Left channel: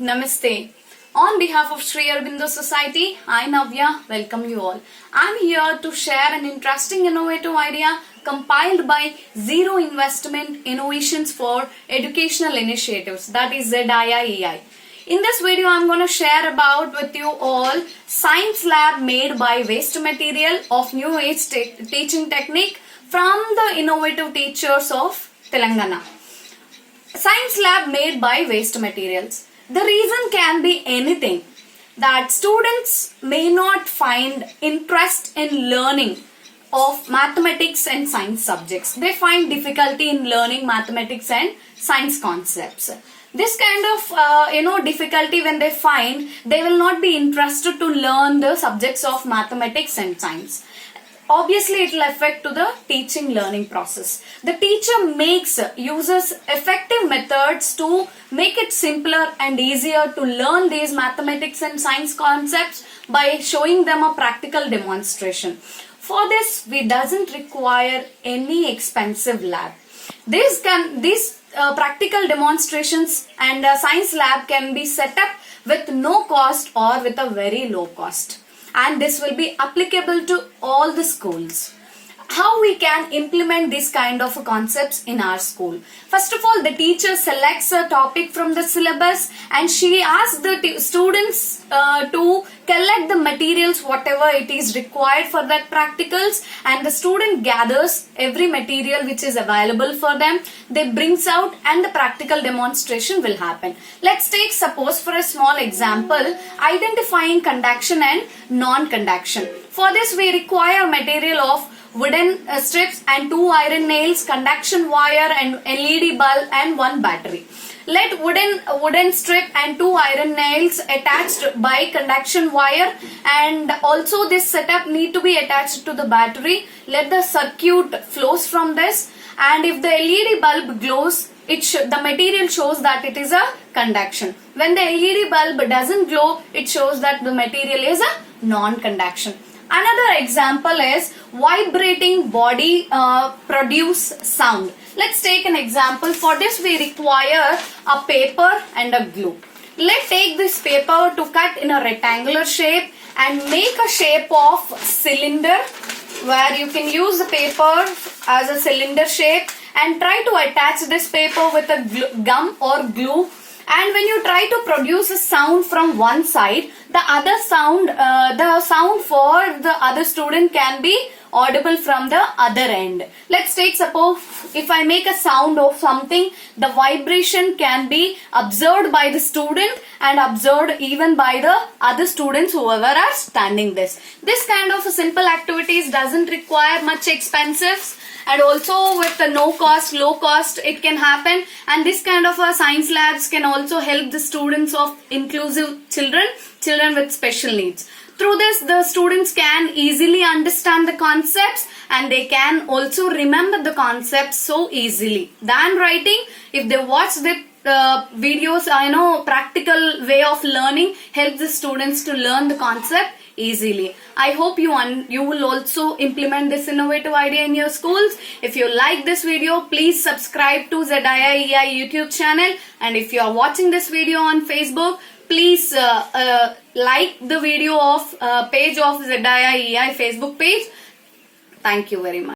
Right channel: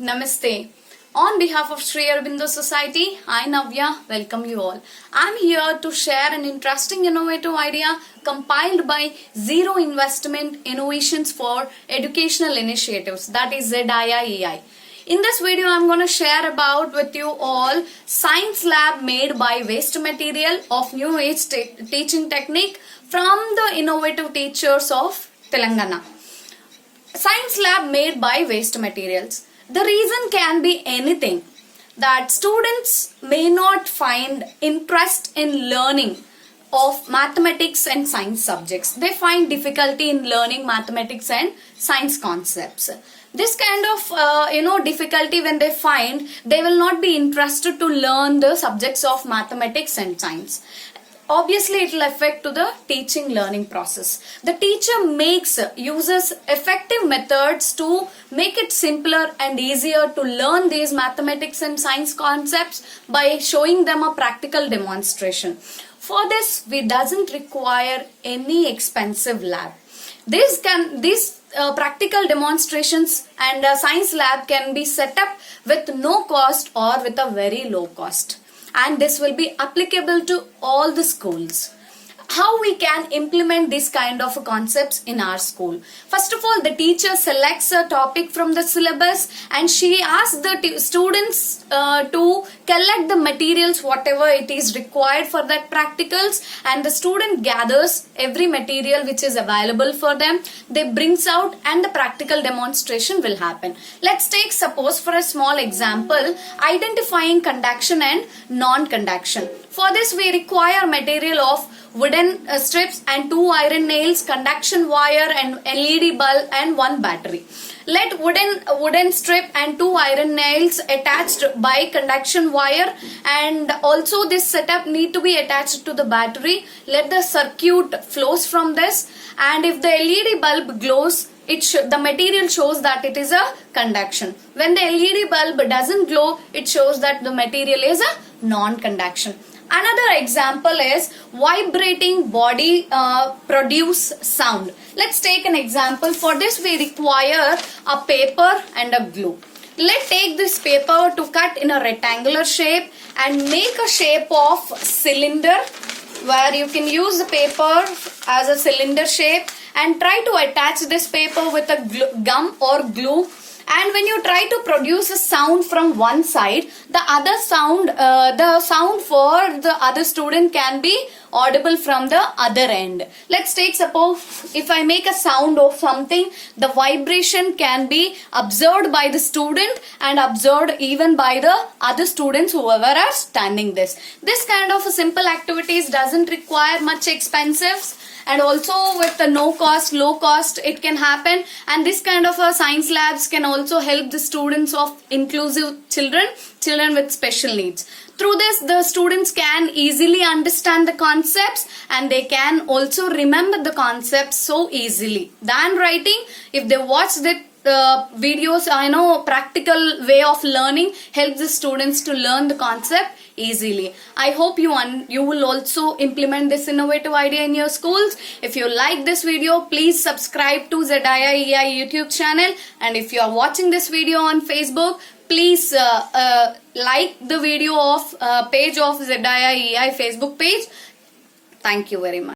Namaste. On behalf of Sri Aurobindo Society, I Navya welcome you all. I am here to share an interesting innovative idea compiled by Zero Investment Innovations for Educational Initiatives, that is ZIIEI. In this video, I am going to share about with you all science lab made by waste material of new age teaching technique from the innovative teachers of Telangana. Science lab made by waste materials. The reason can be anything, that students may not find interest in learning of mathematics and science subjects. They find difficulty in learning mathematics and science concepts. This kind of difficulty when they find, they will not be interested to learn the subjects of mathematics and science. Obviously, it will affect to the teaching learning process. The teacher uses effective methods to make it simpler and easier to learn these mathematics and science concepts by showing them a practical demonstration. For this, we doesn't require any expensive lab. These practical demonstrations and science lab can be set up with no cost or with a very low cost. And this will be applicable to all the schools. How we can implement this kind of concepts in our school? First of all, the teacher selects a topic from the syllabus and she asks the students to collect the materials whatever it is required for that practicals, and the student gathers every material which is available for them. They brings out and the practical demonstration will happen. Let's take suppose for a small example, identifying conduction and non-conduction. For this we require material of wooden strips and 2 iron nails, conduction wire and LED bulb and 1 battery. Let wooden strip and 2 iron nails attached by conduction wire, and also this setup need to be attached to the battery. Let the circuit flows from this, and if the LED bulb glows, the material shows that it is a conduction. When the LED bulb doesn't glow, it shows that the material is a non-conduction. Another example is vibrating body produce sound. Let's take an example. For this we require a paper and a glue. Let's take this paper to cut in a rectangular shape and make a shape of cylinder, where you can use the paper as a cylinder shape and try to attach this paper with a gum or glue. And when you try to produce a sound from one side, the sound for the other student can be audible from the other end. Let's take suppose if I make a sound of something, the vibration can be observed by the student and observed even by the other students whoever are standing this. This kind of simple activities doesn't require much expenses, and also with the no cost, low cost it can happen. And this kind of science labs can also help the students of inclusive children with special needs. Through this, the students can easily understand the concepts and they can also remember the concepts so easily than writing. If they watch the videos, practical way of learning helps the students to learn the concept easily. I hope you will also implement this innovative idea in your schools. If you like this video, please subscribe to ZIIEI YouTube channel, and if you are watching this video on Facebook, please like the video of page of ZIIEI Facebook page. Thank you very much.